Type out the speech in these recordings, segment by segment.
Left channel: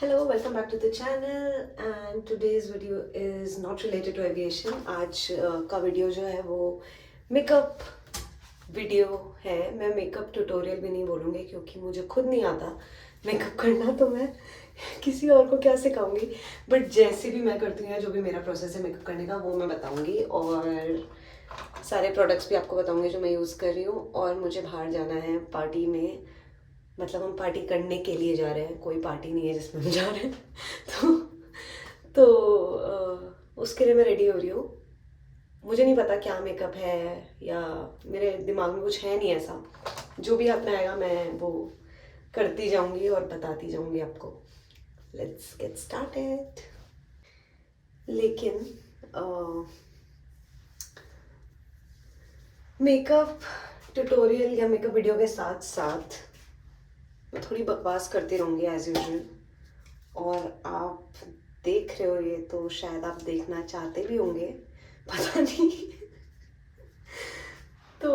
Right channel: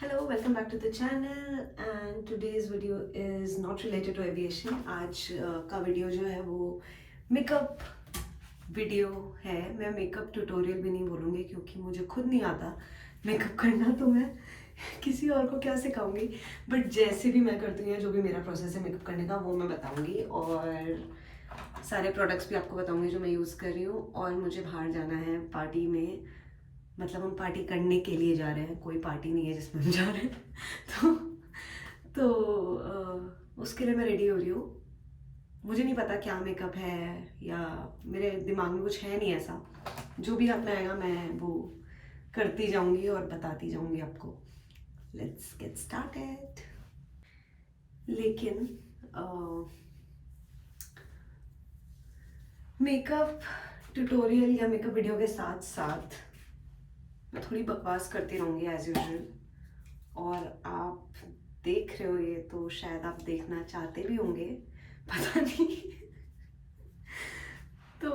Hello, welcome back to the channel and today's video is not related to aviation. आज का video जो है वो मेकअप वीडियो है। मैं मेकअप ट्यूटोरियल भी नहीं बोलूँगी क्योंकि मुझे खुद नहीं आता मेकअप करना, तो मैं किसी और को क्या सिखाऊंगी। बट जैसे भी मैं करती हूँ या जो भी मेरा प्रोसेस है मेकअप करने का वो मैं बताऊँगी, और सारे प्रोडक्ट्स भी आपको बताऊँगी जो मैं यूज़ कर रही हूँ। और मुझे बाहर जाना है पार्टी में, मतलब हम पार्टी करने के लिए जा रहे हैं, कोई पार्टी नहीं है जिसमें हम जा रहे हैं। तो उसके लिए मैं रेडी हो रही हूँ। मुझे नहीं पता क्या मेकअप है, या मेरे दिमाग में कुछ है नहीं ऐसा। जो भी हाथ में आएगा मैं वो करती जाऊंगी और बताती जाऊंगी आपको। Let's get started. लेकिन मेकअप ट्यूटोरियल या मेकअप वीडियो के साथ साथ मैं थोड़ी बकवास करती रहूँगी एज यूजुअल। और आप देख रहे हो ये तो शायद आप देखना चाहते भी होंगे, पता नहीं। तो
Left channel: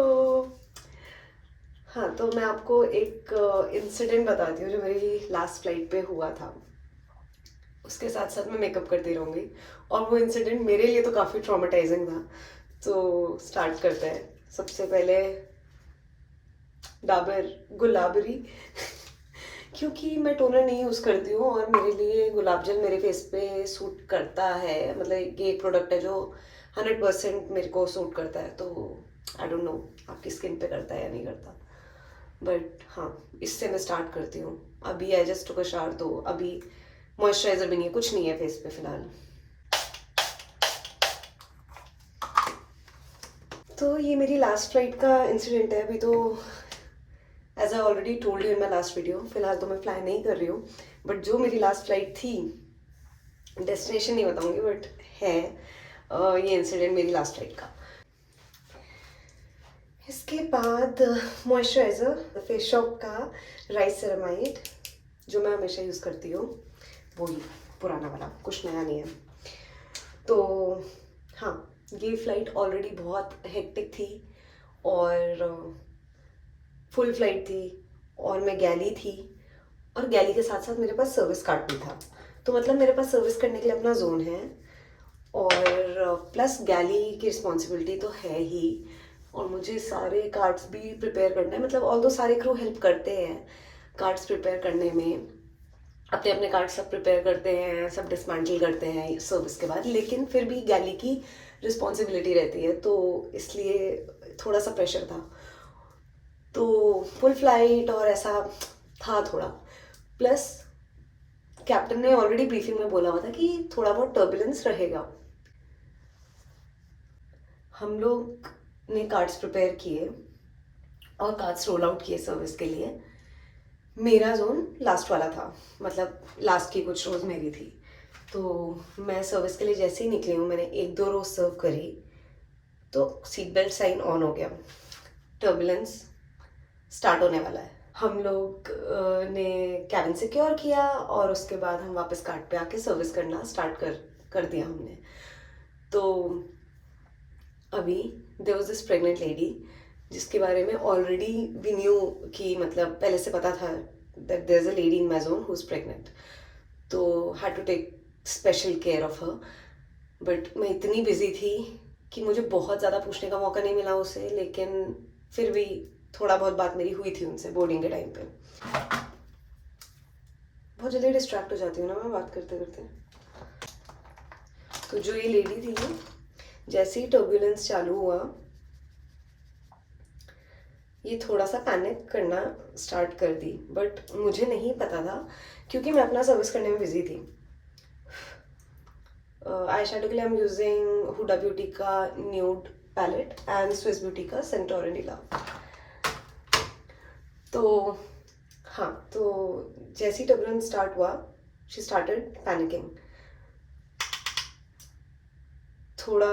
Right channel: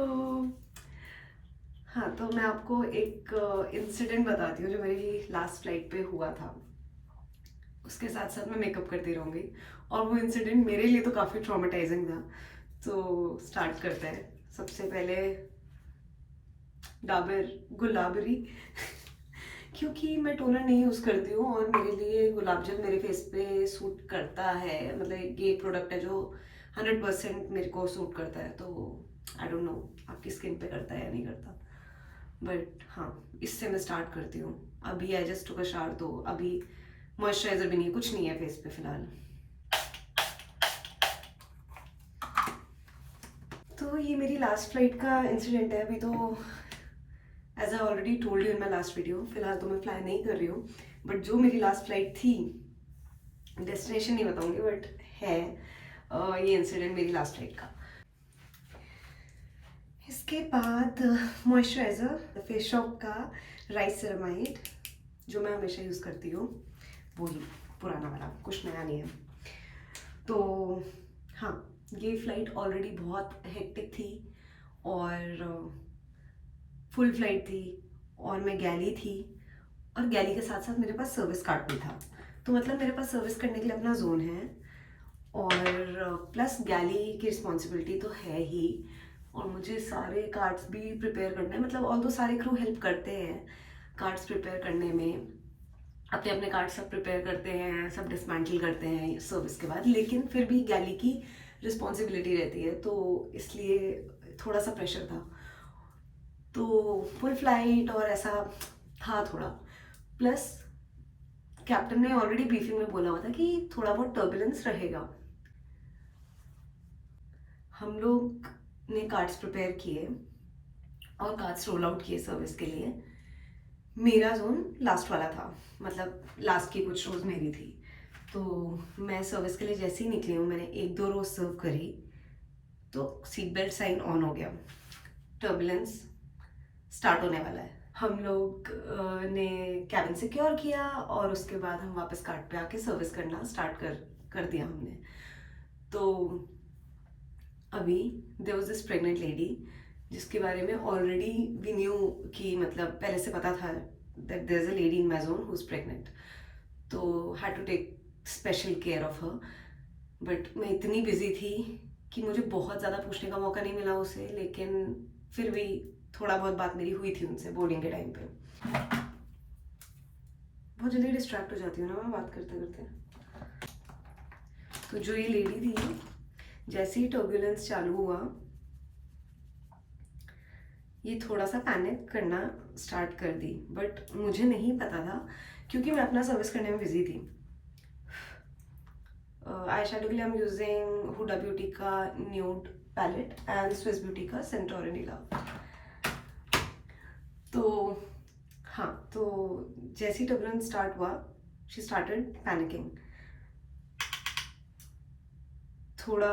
हाँ, तो मैं आपको एक इंसिडेंट बताती हूँ जो मेरी लास्ट फ्लाइट पे हुआ था। उसके साथ साथ मैं मेकअप करती रहूँगी, और वो इंसिडेंट मेरे लिए तो काफ़ी ट्रॉमेटाइजिंग था। तो स्टार्ट करते हैं। सबसे पहले डाबर गुलाबरी क्योंकि मैं टोनर नहीं यूज़ करती हूँ और मेरे लिए गुलाब जल मेरे फेस पे सूट करता है। मतलब ये एक प्रोडक्ट है जो 100% मेरे को सूट करता है। तो आई डोंट नो आपकी स्किन पे करता है या नहीं करता, बट हाँ, इससे मैं स्टार्ट करती हूँ। अभी I just took a shower, तो अभी मॉइस्चराइजर भी नहीं है, कुछ नहीं है फेस पे फिलहाल। तो ये मेरी लास्ट फ्लाइट का इंसिडेंट है। अभी तो as I already told you in my last video, फिलहाल तो मैं फ्लाई नहीं कर रही हूँ। बट जो मेरी लास्ट फ्लाइट थी, डेस्टिनेशन नहीं बताऊंगी बट है ये इंसिडेंट मेरी लास्ट फ्लाइट का। इसके बाद मॉइस्चराइज़र फेस शॉप का राइस सेरामाइड जो मैं हमेशा यूज़ करती हूँ, वही पुराना वाला, कुछ नया नहीं है। तो हाँ, ये फ़्लाइट ऑलरेडी बहुत हेक्टिक थी और फुल फ्लाइट थी, और मैं गैली थी, और गैली के साथ साथ मेरे पास सर्विस कार्ड भी था। तो मतलब मेरे पास सर्विस करने के लिए अपना जोन है, और प्लस गैली की रिस्पॉन्सिबिलिटी तो है ही, और मुझे सारे कार्ड्स भी प्रिपेयर करने हैं। मतलब ऑल दो सारे क्रू हेल्प करते हैं कार्ड्स प्रिपेयर करने में, अपने अपने कार्ड सब प्रिपेयर करते हैं, सब डिसमेंटल करते हैं सर्विस के बाद, लेकिन फिर भी गैली की रिस्पॉन्सिबिलिटी रहती है, तो इसलिए थोड़ा सा प्रेशर था। तो फुल फ्लाइट और ऐसा था थोड़ा, प्लस कैप्टन ने ऑलरेडी ब्रीफिंग में बोला हुआ था कि थोड़ा बहुत टर्बुलेंस रहेगा। हम लोग ने कार्ड्स प्रिपेयर किए और कार्ड्स रोल आउट किए सर्विस के लिए। मेरा जोन लास्ट वाला था, मतलब लास्ट की कुछ रोज मेरी थी। तो मैं सर्विस के लिए जैसे ही निकली हूँ, मैंने एक दो रोज सर्व करी तो सीट बेल्ट साइन ऑन हो गया, टर्बुलेंस स्टार्ट होने वाला है। हम लोग ने कैबिन सिक्योर किया और उसके बाद हम वापस कार्ट पे आके सर्विस करना स्टार्ट कर दिया हमने। तो अभी there was this pregnant lady जिसके बारे में ऑलरेडी वी न्यू, कि मतलब पहले से पता था that there is a lady in my zone who is pregnant, तो had to take special care of her. But मैं इतनी बिजी थी कि मुझे बहुत ज़्यादा पूछने का मौका नहीं मिला उसे, लेकिन फिर भी थोड़ा बहुत बात मेरी हुई थी उनसे बोर्डिंग के टाइम पे। बहुत जल्दी डिस्ट्रैक्ट हो जाती हूँ ना मैं बात करते करते। तो जो ये लेडी थी, जैसे ही टर्बुलेंस चालू हुआ, ये थोड़ा सा पैनिक करना स्टार्ट कर दी, बट मुझे नहीं पता था क्योंकि मैं अपना सर्विस करने में बिजी थी। आई शेडो के लिए I am using Huda Beauty का nude palette and Swiss Beauty का सेंटोरिनी का। तो हाँ, तो जैसे ही टर्बुलेंस स्टार्ट हुआ, शी स्टार्टेड पैनिकिंग। थोड़ा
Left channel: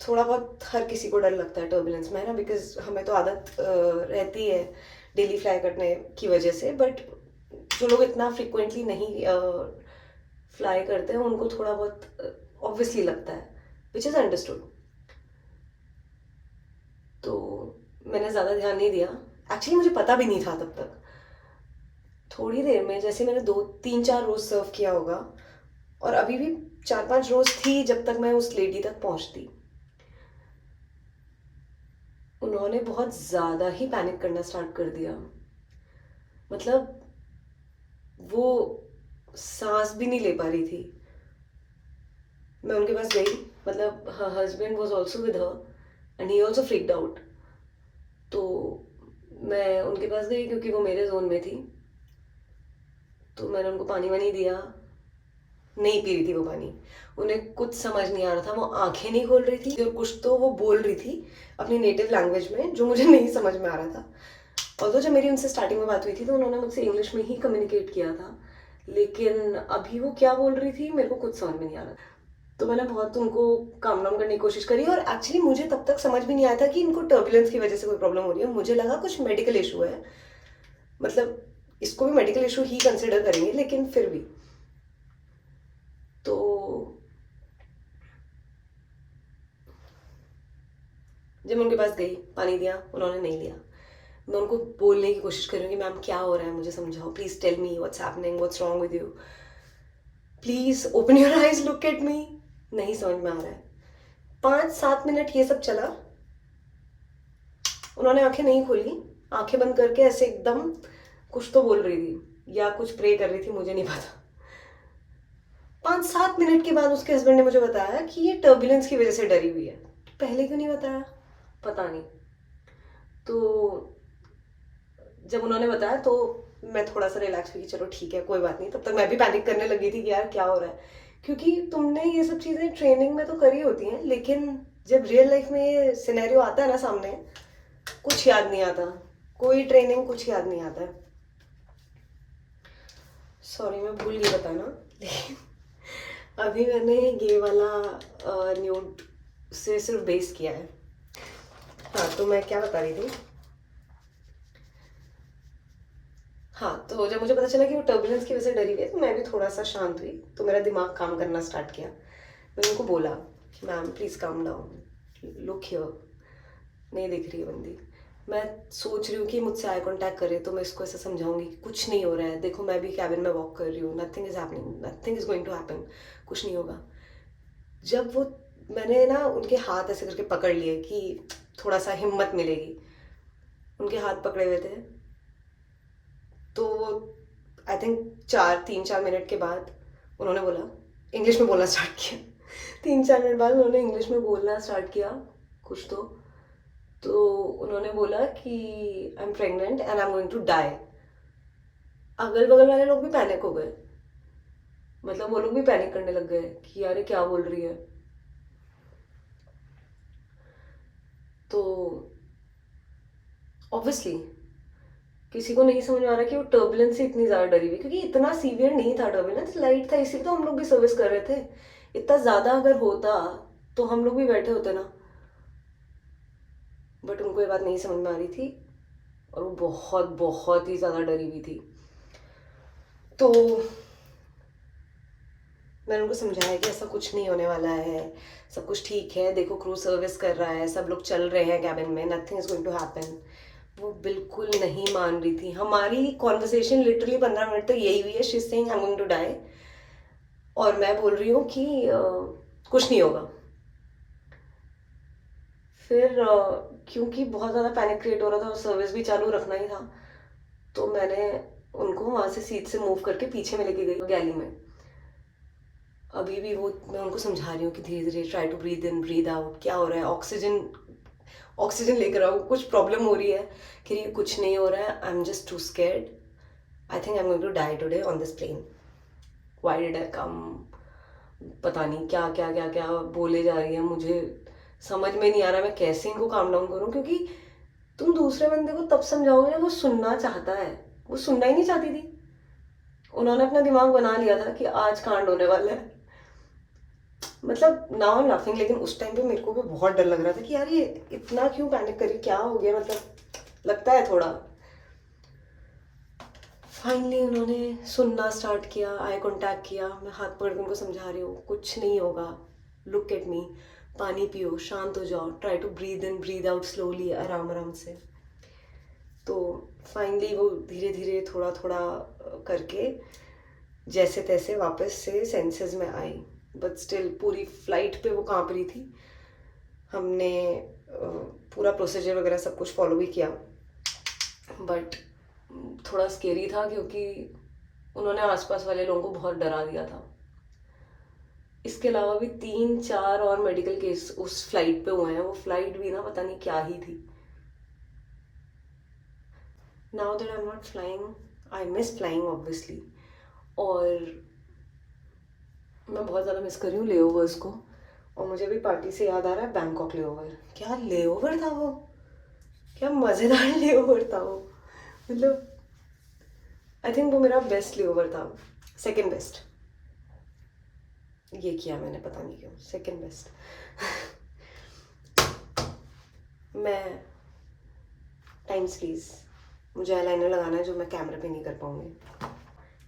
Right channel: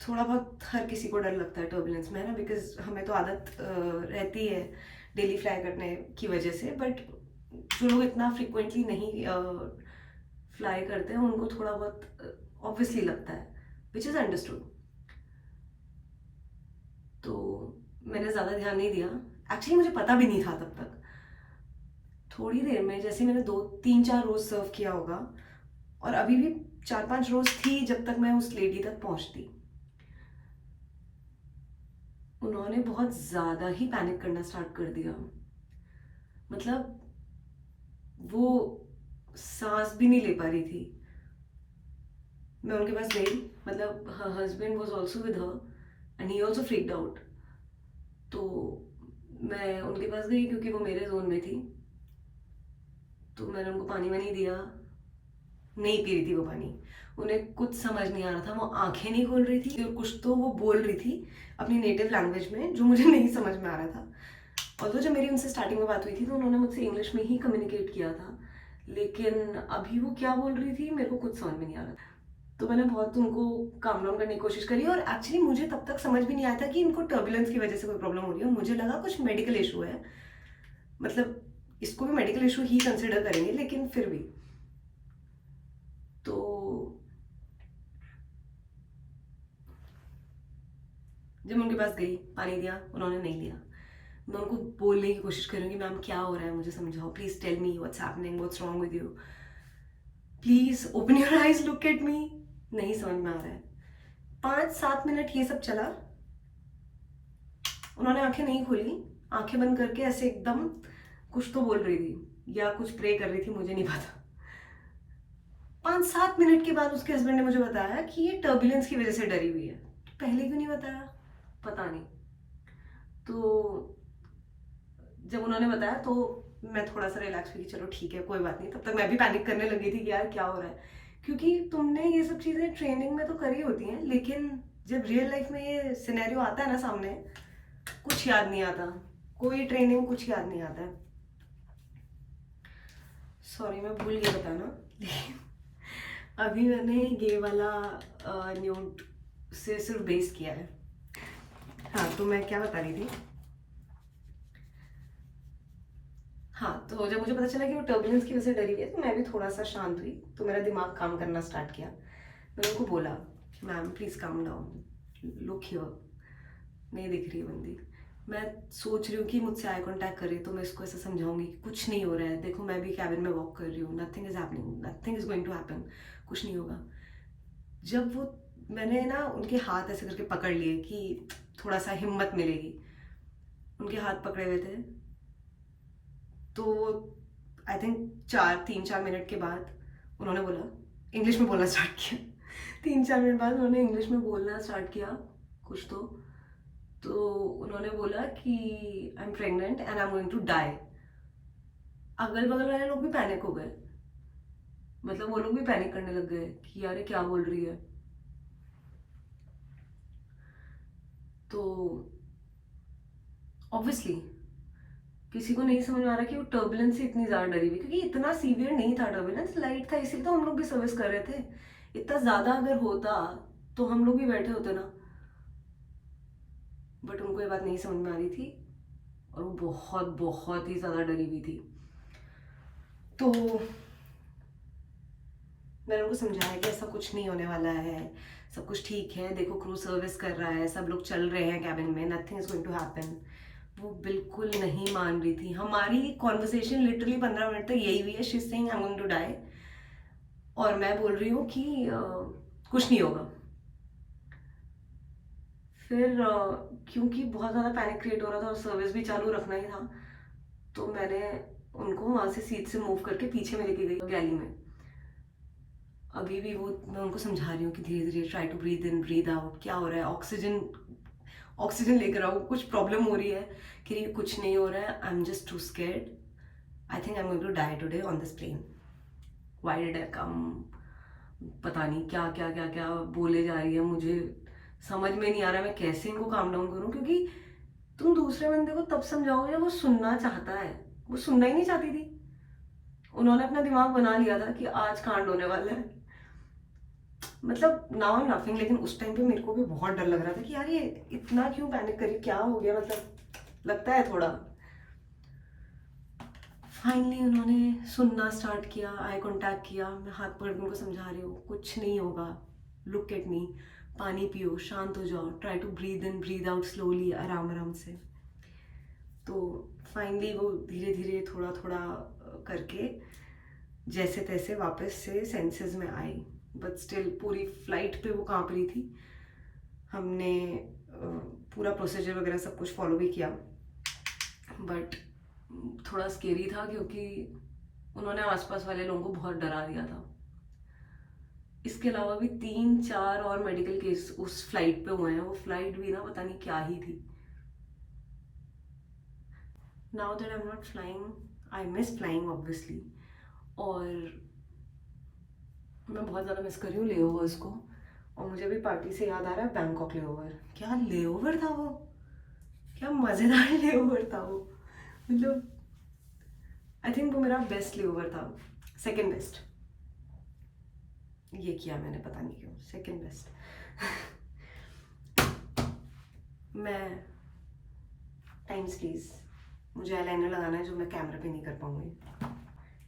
थोड़ा बहुत हर किसी को डर लगता है टर्बुलेंस में, है ना, बिकॉज हमें तो आदत रहती है डेली फ्लाई करने की वजह से। बट जो लोग इतना फ्रिक्वेंटली नहीं फ्लाई करते हैं उनको थोड़ा बहुत ऑब्वियसली लगता है, विच इज़ अंडरस्टूड। तो मैंने ज़्यादा ध्यान नहीं दिया, एक्चुअली मुझे पता भी नहीं था तब तक। थोड़ी देर में जैसे मैंने 2 3 4 रोज़ सर्व किया होगा, और अभी भी 4 5 रोज़ थी जब तक मैं उस लेडी तक पहुंचती, उन्होंने बहुत ज़्यादा ही पैनिक करना स्टार्ट कर दिया। मतलब वो सांस भी नहीं ले पा रही थी। मैं उनके पास गई, मतलब her husband was also with her and he also freaked out. तो मैं उनके पास गई क्योंकि वो मेरे जोन में थी। तो मैंने उनको पानी वानी दिया, नहीं पी रही थी वो पानी। उन्हें कुछ समझ नहीं आ रहा था, वो आंखें नहीं खोल रही थी और कुछ तो वो बोल रही थी अपनी नेटिव लैंग्वेज में जो मुझे नहीं समझ में आ रहा था। और तो जब मेरी उनसे स्टार्टिंग में बात हुई थी तो उन्होंने मुझसे इंग्लिश में ही कम्युनिकेट किया था, लेकिन अभी वो क्या बोल रही थी मेरे को कुछ समझ में नहीं आ रहा था। तो मैंने बहुत उनको काम डाउन करने की कोशिश करी, और एक्चुअली मुझे तब तक समझ भी नहीं आया था कि इनको टर्बुलेंस की वजह से कोई प्रॉब्लम हो रही है। मुझे लगा कुछ मेडिकल इशू है, मतलब इसको भी मेडिकल इशू ही कंसिडर करेंगे, लेकिन फिर भी। तो जब मैं उनके पास गई, पानी दिया, उन्होंने नहीं लिया। मैं उनको बोलने की कोशिश कर रही हूँ कि मैम क्या हो रहा है, मुझे समझाओ, please tell me what's happening, what's wrong with you, please open your eyes, look at me. नहीं समझ में आ रहा है। 5 7 मिनट ये सब चला, उन्होंने आंखें नहीं खोली, आंखें बंद करके ऐसे एकदम कुछ तो बोल रही थी या कुछ प्रे कर रही थी, मुझे नहीं पता। 5 7 मिनट के बाद उसके हस्बैंड ने मुझे बताया कि ये टर्बुलेंस की वजह से डरी हुई है। पहले क्यों नहीं बताया, पता नहीं। तो जब उन्होंने बताया तो मैं थोड़ा सा रिलैक्स हुई कि चलो ठीक है, कोई बात नहीं। तब तक मैं भी पैनिक करने लगी थी कि यार क्या हो रहा है, क्योंकि तुमने ये सब चीज़ें ट्रेनिंग में तो करी होती हैं, लेकिन जब रियल लाइफ में ये सिनेरियो आता है ना सामने, कुछ याद नहीं आता। कोई ट्रेनिंग कुछ याद नहीं आता है। सॉरी मैं भूल गई बताना, लेकिन अभी मैंने ये वाला न्यूड से सिर्फ बेस किया है। हाँ, तो मैं क्या बता रही थी। हाँ, तो जब मुझे पता चला कि वो टर्बुलेंस की वजह से डरी हुई है तो मैं भी थोड़ा सा शांत हुई, तो मेरा दिमाग काम करना स्टार्ट किया। मैंने उनको बोला कि ma'am please calm down, look here, नहीं दिख रही है बंदी। मैं सोच रही हूँ कि मुझसे आई कांटेक्ट करे तो मैं इसको ऐसा समझाऊंगी कि कुछ नहीं हो रहा है, देखो मैं भी कैबिन में वॉक कर रही हूँ, nothing is happening, nothing is going to happen, कुछ नहीं होगा। जब वो, मैंने ना उनके हाथ ऐसे करके पकड़ लिए कि थोड़ा सा हिम्मत मिलेगी, उनके हाथ पकड़े हुए थे। तो आई थिंक 3 4 मिनट के बाद उन्होंने बोला, इंग्लिश में बोलना स्टार्ट किया। 3 4 मिनट बाद उन्होंने इंग्लिश में बोलना स्टार्ट किया कुछ तो उन्होंने बोला कि I am pregnant and I am going to die. अगल बगल वाले लोग भी पैनिक हो गए, मतलब वो लोग भी पैनिक करने लग गए कि यार ये क्या बोल रही है। तो ऑब्वियसली किसी को नहीं समझ में आ रहा कि वो टर्बुलेंस से इतनी ज़्यादा डरी हुई, क्योंकि इतना सीवियर नहीं था टर्बुलेंस, लाइट था, इसी तो हम लोग भी सर्विस कर रहे थे। इतना ज़्यादा अगर होता तो हम लोग भी बैठे होते ना। बट उनको ये बात नहीं समझ में आ रही थी, और वो बहुत बहुत ही ज़्यादा डरी हुई थी। तो मैंने उनको समझाया कि ऐसा कुछ नहीं होने वाला है, सब कुछ ठीक है, देखो क्रू सर्विस कर रहा है, सब लोग चल रहे हैं कैबिन में, nothing is going to happen. वो बिल्कुल नहीं मान रही थी। हमारी कॉन्वर्सेशन लिटरली 15 मिनट तक यही हुई है, she is saying I am going to die, और मैं बोल रही हूँ कि कुछ नहीं होगा। फिर क्योंकि बहुत ज़्यादा पैनिक क्रिएट हो रहा था और सर्विस भी चालू रखना ही था, तो मैंने उनको वहाँ से सीट से मूव करके पीछे में लेके गई गैली में। अभी भी वो, मैं उनको समझा रही हूँ कि धीरे धीरे try to breathe in breathe out, क्या हो रहा है, ऑक्सीजन ऑक्सीजन लेकर आओ, कुछ प्रॉब्लम हो रही है। कि ये कुछ नहीं हो रहा है, I am just too scared, I think I am going to die today on this plane, why did I come. पता नहीं क्या क्या क्या क्या बोले जा रही है, मुझे समझ में नहीं आ रहा मैं कैसे इनको काम डाउन करूँ, क्योंकि तुम दूसरे बंदे को तब समझाओगे जब वो सुनना चाहता है, वो सुनना ही नहीं चाहती थी। उन्होंने अपना दिमाग बना लिया था कि आज कांड होने वाला है। मतलब नाउ आई एम लाफिंग, लेकिन उस टाइम पे मेरे को भी बहुत डर लग रहा था कि यार ये इतना क्यों पैनिक करी, क्या हो गया, मतलब लगता है थोड़ा। फाइनली उन्होंने सुनना स्टार्ट किया, आई कांटेक्ट किया, मैं हाथ पकड़ के उनको समझा रही हूँ कुछ नहीं होगा, लुक एट मी, पानी पियो, शांत हो जाओ, try to breathe in breathe out slowly, आराम आराम से। तो फाइनली वो धीरे धीरे थोड़ा थोड़ा करके जैसे तैसे वापस से सेंसेस में आई, बट स्टिल पूरी फ्लाइट पे वो कांप रही थी। हमने पूरा प्रोसीजर वगैरह सब कुछ फॉलो भी किया, बट थोड़ा स्केरी था क्योंकि उन्होंने आसपास वाले लोगों को बहुत डरा दिया था। इसके अलावा भी 3-4 और मेडिकल केस उस फ्लाइट पे हुए हैं। वो फ्लाइट भी ना पता नहीं क्या ही थी। Now that I am not flying, I miss flying obviously, और मैं बहुत ज़्यादा मिस कर रही हूँ लेओवर्स को। और मुझे भी पार्टी से याद आ रहा है बैंकॉक लेओवर। क्या लेओवर था वो, क्या मज़ेदार लेओवर था वो। मतलब आई थिंक वो मेरा बेस्ट लेओवर था, सेकंड बेस्ट। ये किया मैंने पता नहीं क्यों, सेकंड बेस्ट। मैं टाइम्स प्लीज, मुझे आईलाइनर लगाना है जो मैं कैमरे पे नहीं कर पाऊंगी।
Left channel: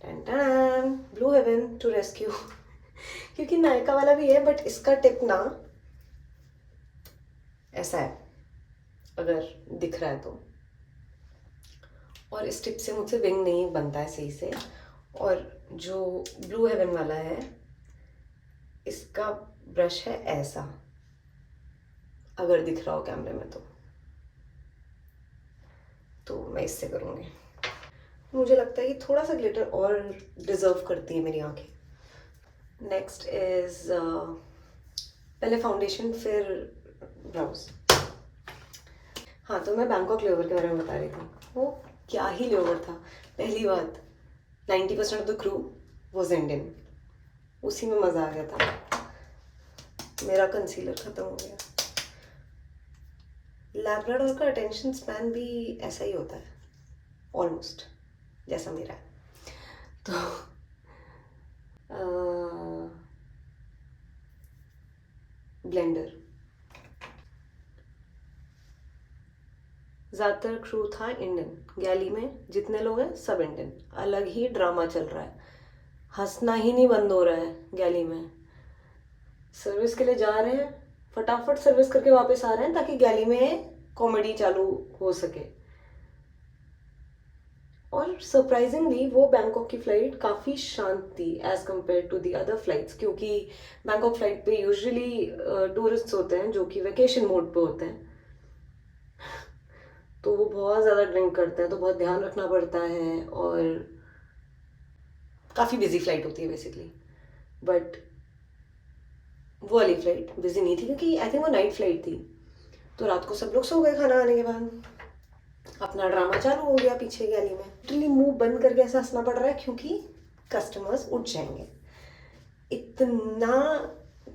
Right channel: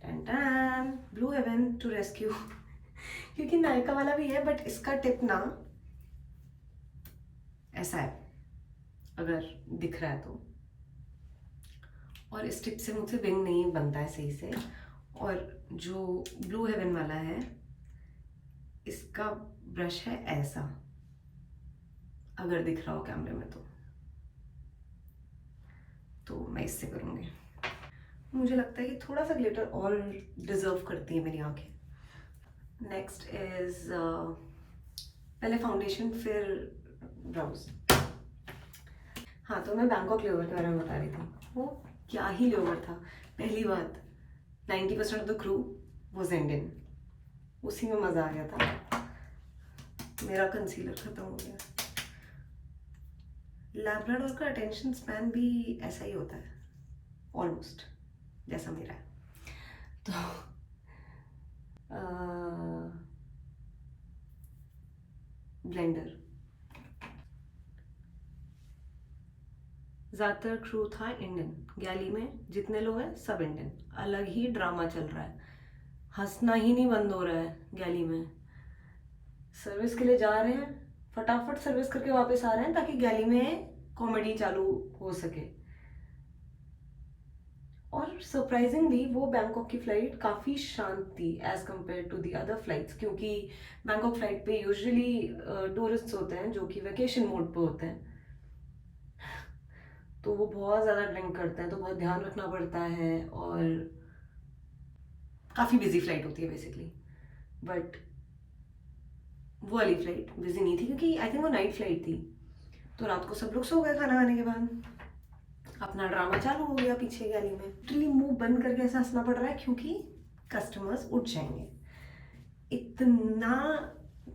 टन टन, ब्लू हेवन टू रेस्क्यू। क्योंकि नायका वाला भी है, बट इसका टिप ना ऐसा है, अगर दिख रहा है तो। और इस टिप से मुझसे विंग नहीं बनता है सही से। और जो ब्लू हेवन वाला है, इसका ब्रश है ऐसा, अगर दिख रहा हो कैमरे में तो मैं इससे करूँगी। मुझे लगता है कि थोड़ा सा ग्लिटर और डिजर्व करती है मेरी आंखें। नेक्स्ट इज पहले फाउंडेशन फिर ब्राउज। हाँ, तो मैं बैंकॉक लेओवर के बारे में बता रही थी। वो क्या ही लेओवर था। पहली बात, 90% of the crew was Indian, उसी में मज़ा आ गया था। मेरा कंसीलर ख़त्म हो गया। लैब्राडोर का अटेंशन स्पैन भी ऐसा ही होता है ऑलमोस्ट, जैसा मेरा है। तो ब्लेंडर, ज़्यादातर क्रू था इंडियन। गैली में जितने लोग हैं सब इंडियन। अलग ही ड्रामा चल रहा है, हंसना ही नहीं बंद हो रहा है गैली में। सर्विस के लिए जा रहे हैं, फटाफट सर्विस करके वापस आ रहे हैं ताकि गैली में कॉमेडी चालू हो सके। और सरप्राइजिंगली वो बैंकॉक की फ़्लाइट काफ़ी शांत थी as compare to the other flights, क्योंकि बैंकॉक फ्लाइट पे यूजुअली टूरिस्ट्स होते हैं जो कि वैकेशन मोड पे होते हैं, तो वो बहुत ज़्यादा ड्रिंक करते हैं, तो बहुत ध्यान रखना पड़ता है। और काफ़ी बिजी फ्लाइट होती है बेसिकली। बट वो वाली फ्लाइट बिजी नहीं थी क्योंकि आई थिंक वो नाइट फ्लाइट थी। तो रात को सब लोग सो गए खाना खाने के बाद, अपना ड्रामा चालू हो गया पीछे गैली में। लिटरली मुंह बंद करके ऐसा हंसना पड़ रहा है क्योंकि कस्टमर्स उठ जाएंगे। इतना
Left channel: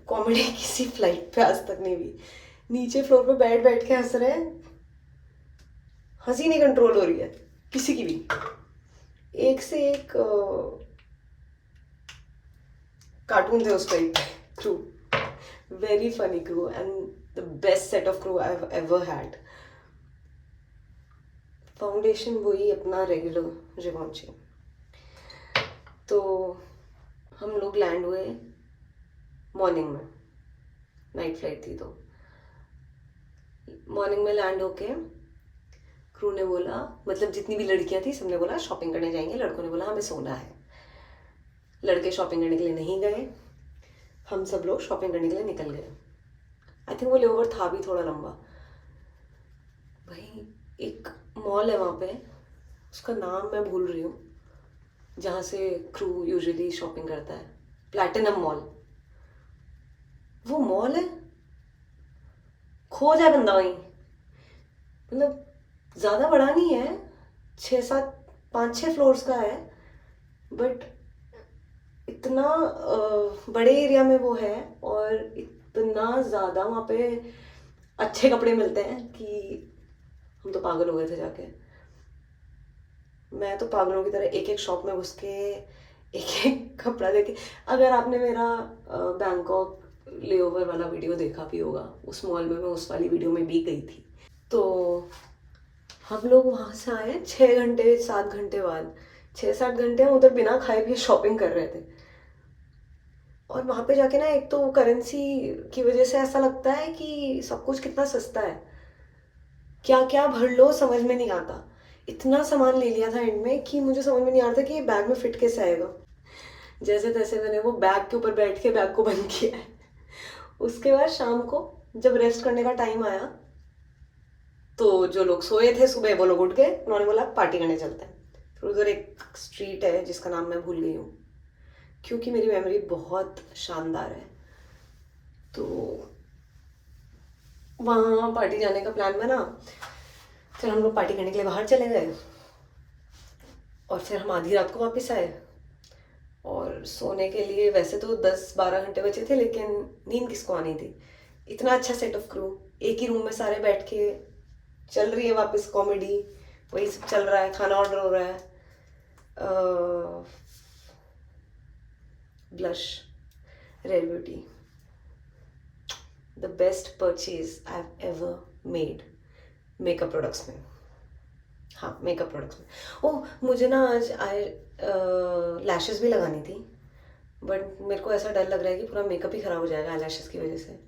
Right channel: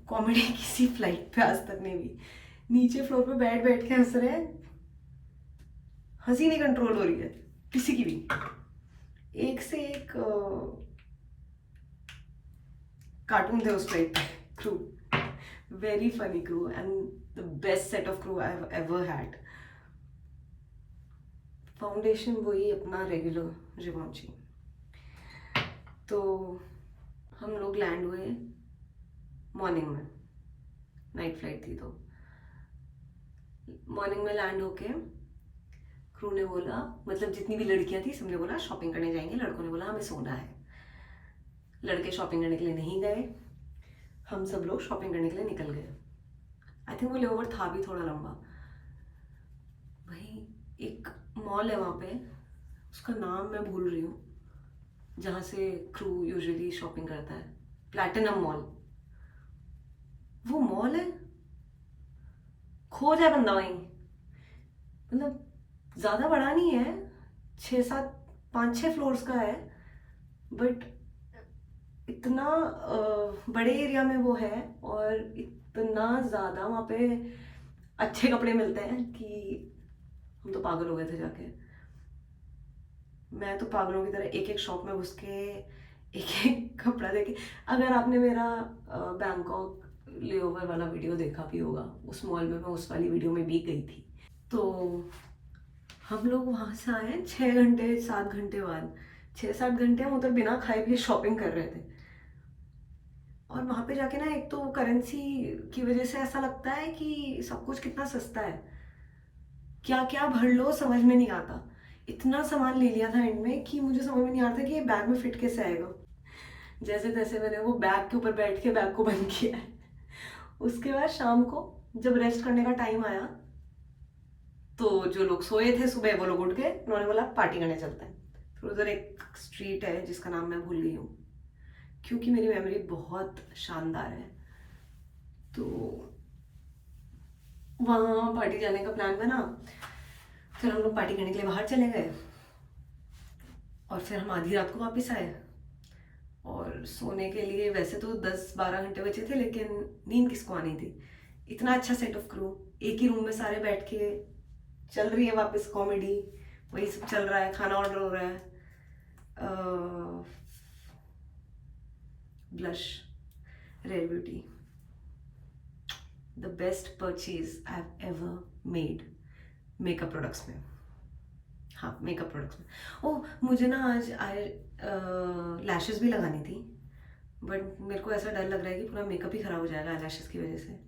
कॉमेडी किसी फ्लाइट पे आज तक नहीं हुई। नीचे फ्लोर पे बैठ बैठ के हंस रहे हैं, हंसी नहीं कंट्रोल हो रही है किसी की भी। एक से एक कार्टून थे उस टाइम पे crew. Very funny crew and the best set of crew I have ever had. Foundation वही अपना रेगुलर रिवॉन्ची। तो हम लोग लैंड हुए मॉर्निंग में, नाइट फ्लाइट थी तो मॉर्निंग में लैंड होके क्रू ने बोला, मतलब जितनी भी लड़कियां थी सबने बोला शॉपिंग करने जाएंगे। लड़कों ने बोला हमें सोना है। लड़के शॉपिंग करने के लिए नहीं गए, हम सब लोग शॉपिंग करने के लिए निकल गए। आई थिंक वो लेओवर था भी थोड़ा लंबा। भाई एक मॉल है वहाँ पे, उसका नाम मैं भूल रही हूँ, जहाँ से क्रू यूजुअली शॉपिंग करता है, प्लैटिनम मॉल। वो मॉल है, खो जाए बंदा वहीं। मतलब ज़्यादा बड़ा नहीं है, 5-6 फ्लोर्स का है, बट इतना बड़े एरिया में वो है और इतना ज़्यादा वहाँ पे अच्छे कपड़े मिलते हैं कि हम तो पागल हो गए थे जाके। मैं तो पागलों की तरह एक एक शॉप में घुस के एक एक कपड़ा देखे। अगर आपने मेरा बैंकॉक लेओवर वाला वीडियो देखा भी होगा, उस मॉल में मैं उस वाली वीडियो में भी गई थी। तो हम लोग वहाँ से आए 6-7 घंटे बाद। 6-7 घंटे हम उधर बिना खाए पिए शॉपिंग कर रहे थे। और वहाँ पे जाके ना, एक तो करेंसी की वजह से ऐसा लगता है कि सब कुछ कितना सस्ता है, क्या क्या भर लो समझ में नहीं आता। इतना सामान ले लिया था एंड में कि मुझे समझ में नहीं आ रहा था कि ये बैग में फिट कैसे आएगा। जैसे तैसे मैंने वो बैग के ऊपर बैठ के बैग को बंद किया है। उसके बाद शाम को जब रेस्ट करने का टाइम आया तो जो लोग सोए थे सुबह वो लोग उठ गए, उन्होंने बोला पार्टी करने चलते हैं। फिर उधर एक स्ट्रीट है जिसका नाम मैं भूल गई हूँ, क्योंकि मेरी मेमोरी बहुत शानदार है। तो वहाँ पार्टी जाने का प्लान बना। फिर हम लोग पार्टी करने के लिए बाहर चले गए और फिर हम आधी रात को वापस आए। और सोने के लिए वैसे तो 10-12 घंटे बचे थे, लेकिन नींद किसको आनी थी। इतना अच्छा सेट ऑफ क्रू, एक ही रूम में सारे बैठ के चल रही है वापस कॉमेडी, वही सब चल रहा है, खाना ऑर्डर हो रहा है। Blush Rare Beauty, the best purchase I have ever made makeup products में। हाँ, मेकअप प्रोडक्ट्स में। ओह, मुझे ना आज आई लैशेस भी लगानी थी, बट मेरे को ऐसा डर लग रहा है कि पूरा मेकअप ही ख़राब हो जाएगा आई लैशेस की वजह से,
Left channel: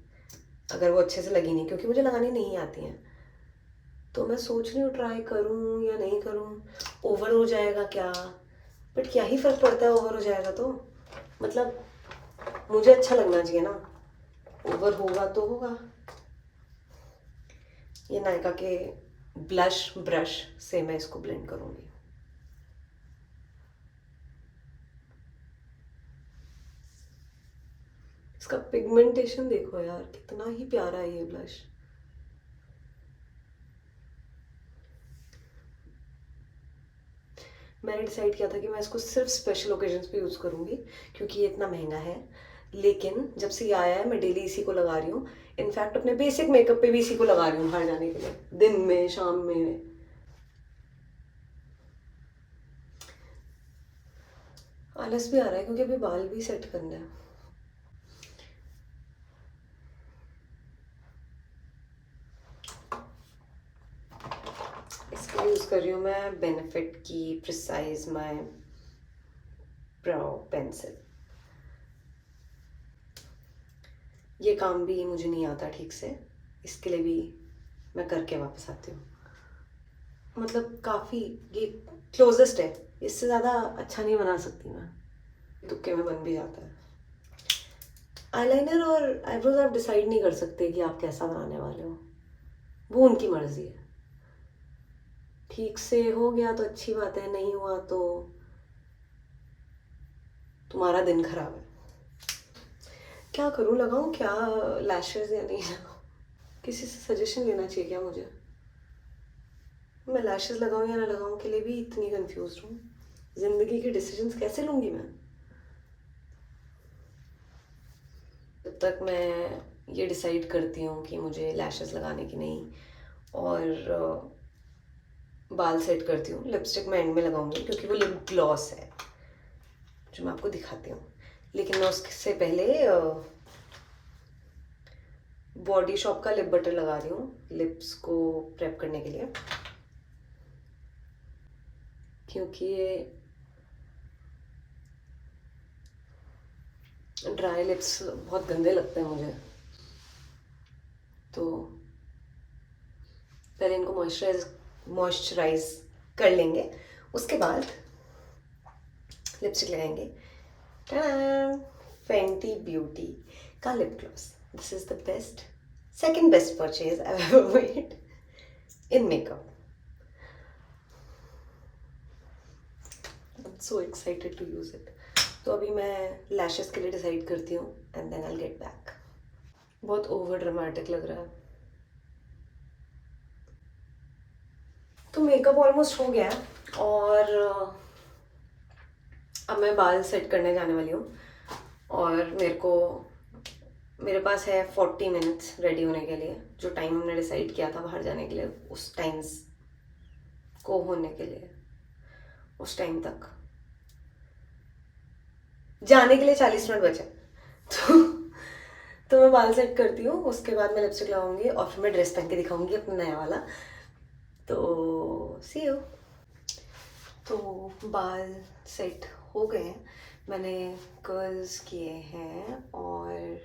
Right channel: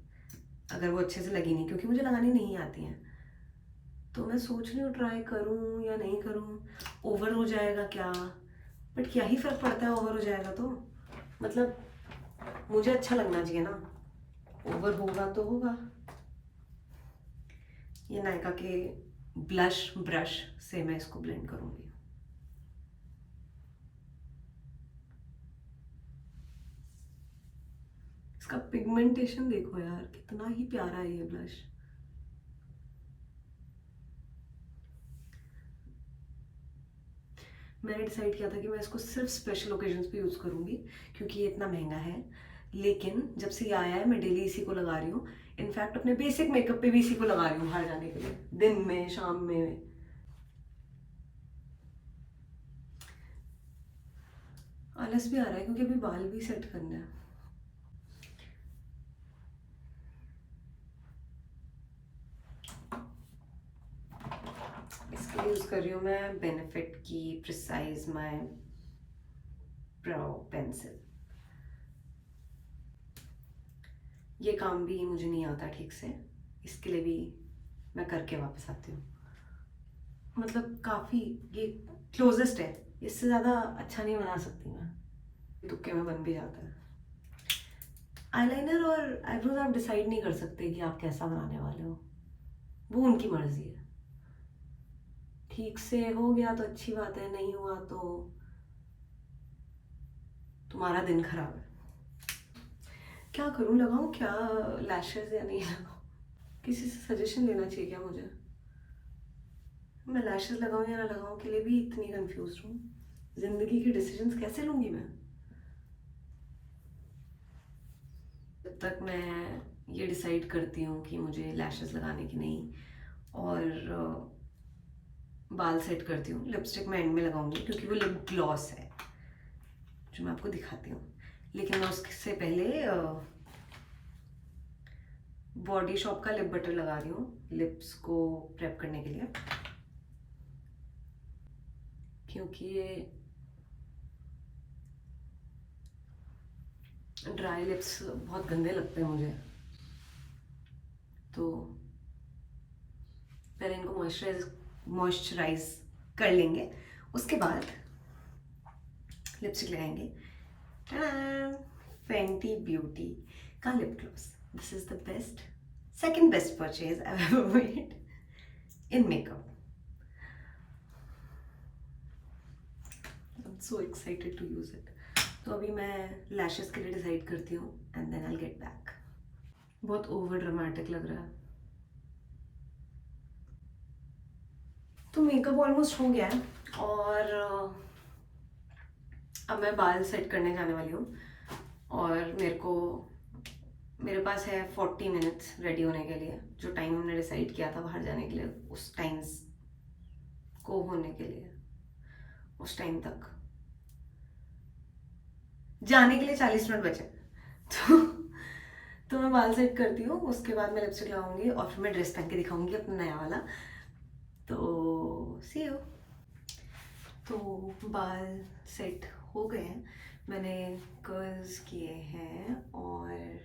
अगर वो अच्छे से लगी नहीं, क्योंकि मुझे लगानी नहीं आती हैं। तो मैं सोच रही हूँ ट्राई करूँ या नहीं करूँ, ओवर हो जाएगा क्या। बट क्या ही फ़र्क पड़ता है, ओवर हो जाएगा तो मतलब मुझे अच्छा लगना चाहिए ना, ओवर होगा तो होगा। ये नायका के ब्लश ब्रश से मैं इसको ब्लेंड करूँगी। इसका पिगमेंटेशन देखो यार, कितना ही प्यारा है ये ब्लश। मैंने डिसाइड किया था कि मैं इसको सिर्फ स्पेशल ओकेजन्स पे यूज़ करूँगी, क्योंकि ये इतना महंगा है। लेकिन जब से ये आया है मैं डेली इसी को लगा रही हूँ। इनफैक्ट अपने बेसिक मेकअप पे भी इसी को लगा रही हूँ बाहर जाने के लिए, दिन में शाम में। आलस भी आ रहा है क्योंकि अभी बाल भी सेट करना है। इसके लिए यूज़ कर रही हूँ मैं बेनिफिट की प्रिसाइज माई ब्राउ पेंसिल। ये काम भी मुझे नहीं आता ठीक से, इसके लिए भी मैं करके वापस आती हूँ। मतलब काफ़ी ये क्लोजेस्ट है, इससे ज़्यादा अच्छा नहीं बना सकती मैं, तुक्के में बन भी जाता है। आईलाइनर और आईब्रोज आप डिसाइड नहीं कर सकते कि आप कैसा बनाने वाले हो, वो उनकी मर्जी है। ठीक से हो गया तो अच्छी बात है, नहीं हुआ तो तुम्हारा दिन खराब है। क्या करूँ, लगाऊँ क्या लैशेस या नहीं लगाऊँ? किसी से सजेशन लेना चाहिए क्या मुझे? मैं लैशेस लगाऊँ या ना लगाऊँ के लिए भी इतनी कंफ्यूज हूँ। ज़िंदगी के डिसीजंस कैसे लूँगी मैं? जब तक मैं ये डिसाइड करती हूँ कि मुझे लैशेस लगाने की नहीं, और बाल सेट करती हूँ, लिपस्टिक मैं एंड में लगाऊंगी क्योंकि वो लिप ग्लॉस है जो मैं आपको दिखाती हूँ। लेकिन मैं उससे पहले बॉडी शॉप का लिप बटर लगा रही हूँ लिप्स को प्रेप करने के लिए, क्योंकि ये ड्राई लिप्स बहुत गंदे लगते हैं मुझे। तो पहले इनको मॉइस्चराइज कर लेंगे, उसके बाद लिपस्टिक लगाएंगे। फेंटी ब्यूटी का lip gloss, this is the best, second best purchase I have ever made in makeup. I'm so excited to use it. तो अभी मैं लैशेस के लिए डिसाइड करती हूँ and then I'll get back. बहुत ओवर ड्रामेटिक लग रहा है। तो मेकअप ऑलमोस्ट हो गया है और अब मैं बाल सेट करने जाने वाली हूँ। और मेरे पास है 40 मिनट्स रेडी होने के लिए, जो टाइम हमने डिसाइड किया था बाहर जाने के लिए, उस टाइम्स को होने के लिए, उस टाइम तक जाने के लिए 40 मिनट बचे। तो मैं बाल सेट करती हूँ, उसके बाद मैं लिपस्टिक लगाऊंगी और फिर मैं ड्रेस पहन के दिखाऊंगी अपना नया वाला। तो सी यू। तो बाल सेट हो गए हैं, मैंने कर्ल्स किए हैं और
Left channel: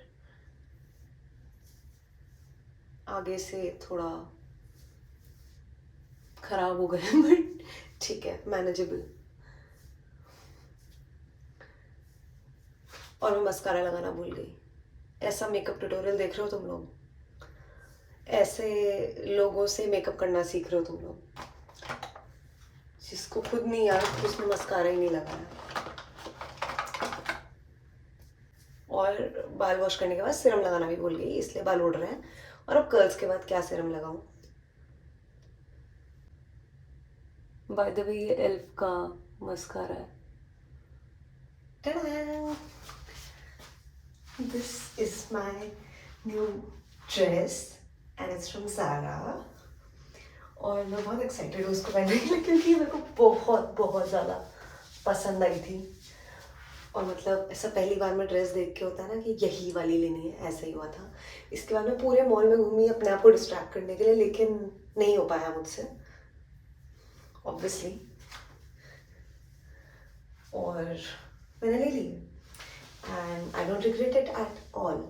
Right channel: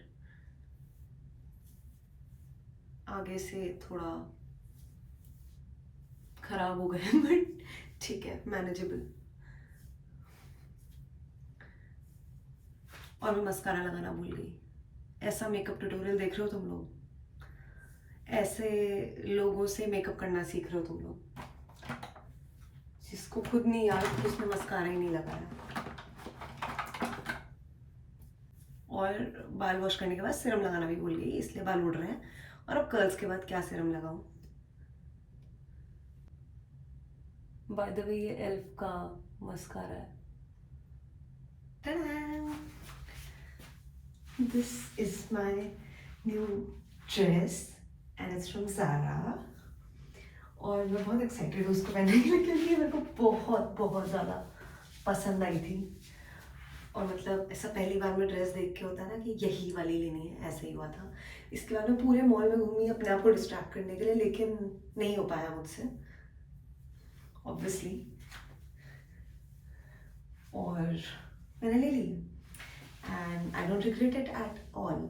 आगे से थोड़ा खराब हो गए बट ठीक है, मैनेजेबल। और मैं मस्कारा लगाना भूल गई। ऐसा मेकअप ट्यूटोरियल देख रहे हो तुम लोग, ऐसे लोगों से मेकअप करना सीख रहे हो तुम लोग, जिसको खुद नहीं याद कि उसने मस्कारा ही नहीं लगाया। और बाल वॉश करने के बाद सीरम लगाना भी भूल गई, इसलिए बाल उड़ रहे हैं। और अब कर्ल्स के बाद क्या सीरम लगाऊं? बाय द वे ये एल्फ का मस्कारा है। Ta-da! This is my new dress and it's from Zara. और मैं बहुत एक्साइटेड हूँ उसको पहनने के लिए, क्योंकि मेरे को बहुत बहुत ज़्यादा पसंद आई थी। और मतलब ऐसा पहली बार में ड्रेस देख के होता है ना कि यही वाली लेनी है, ऐसा ही हुआ था। इसके बाद मैं पूरे मॉल में घूमी अपने आप को डिस्ट्रैक्ट करने के लिए, लेकिन नहीं हो पाया मुझसे ऑब्वियसली, और मैंने ले ली and I don't regret it at all.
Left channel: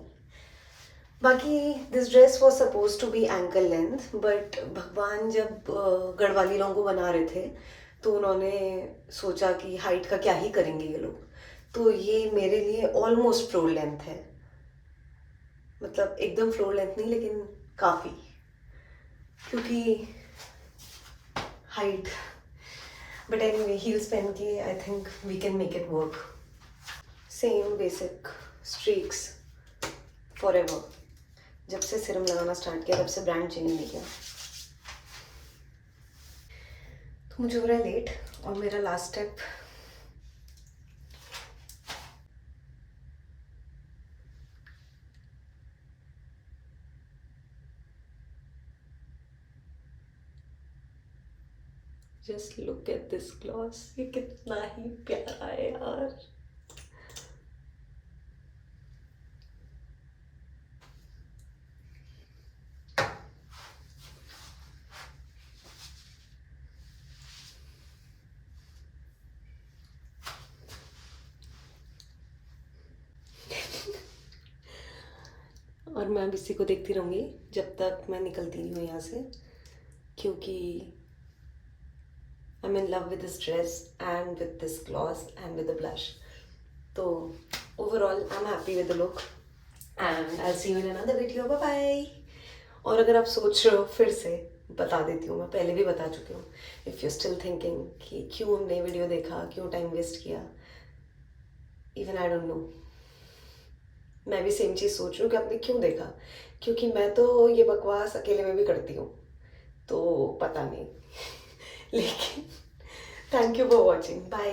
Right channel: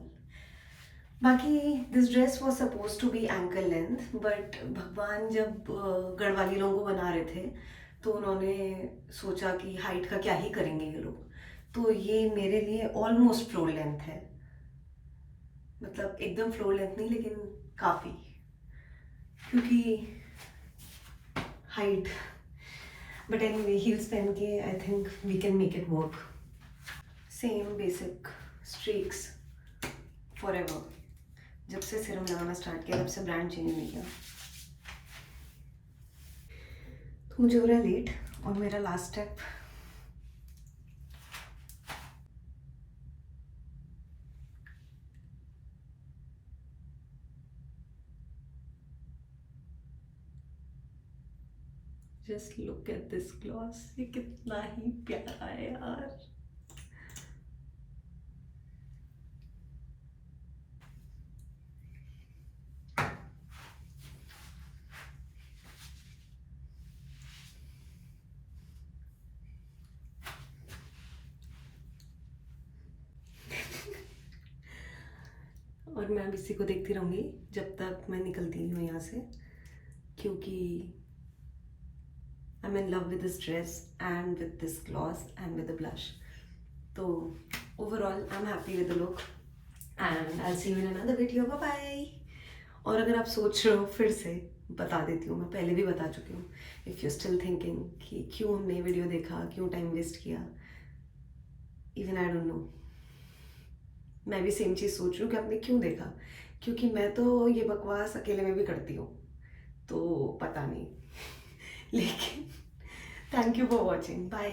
बाकी this dress was suppose to be ankle length, but भगवान जब गढ़वाली लोगों बना रहे थे तो उन्होंने सोचा कि हाइट का क्या ही करेंगे ये लोग, तो ये मेरे लिए ऑलमोस्ट फ्लोर लेंथ है। मतलब एकदम फ्लोर लेंथ नहीं, लेकिन काफ़ी, क्योंकि हाइट। बट एनीवे हील्स पहन के I think we can make it work. Same basic streaks forever. जब से सीरम लगाना स्टार्ट किया तब से ब्रांड चेंज नहीं किया। तो मुझे हो रहा है लेट, और मेरा last step just look at this gloss, ये कितना ही प्यारा है यार। और मैं अब इसी को देखती रहूँगी जब तक मैं निकलती नहीं हूँ यहाँ से, क्योंकि I am in love with this dress and with this gloss and with the blush. तो overall I am happy with the look and I see you in another video. Bye bye. और अगर आप सोच रहे हो, फिर से बता देती हूँ, मैं पहले भी बता चुकी हूँ, इफ़ यू स्टिल थिंकिंग कि क्यों हमने वीडियो देखा, क्यों टाइम वेस्ट किया, इवन आई डोंट नो। मैं भी सेम चीज़ सोच रही हूँ कि आपने क्यों देखा, क्योंकि मैं तो ये बकवास अकेले में भी करती हूँ, तो पता नहीं लेकिन thank you for watching, bye.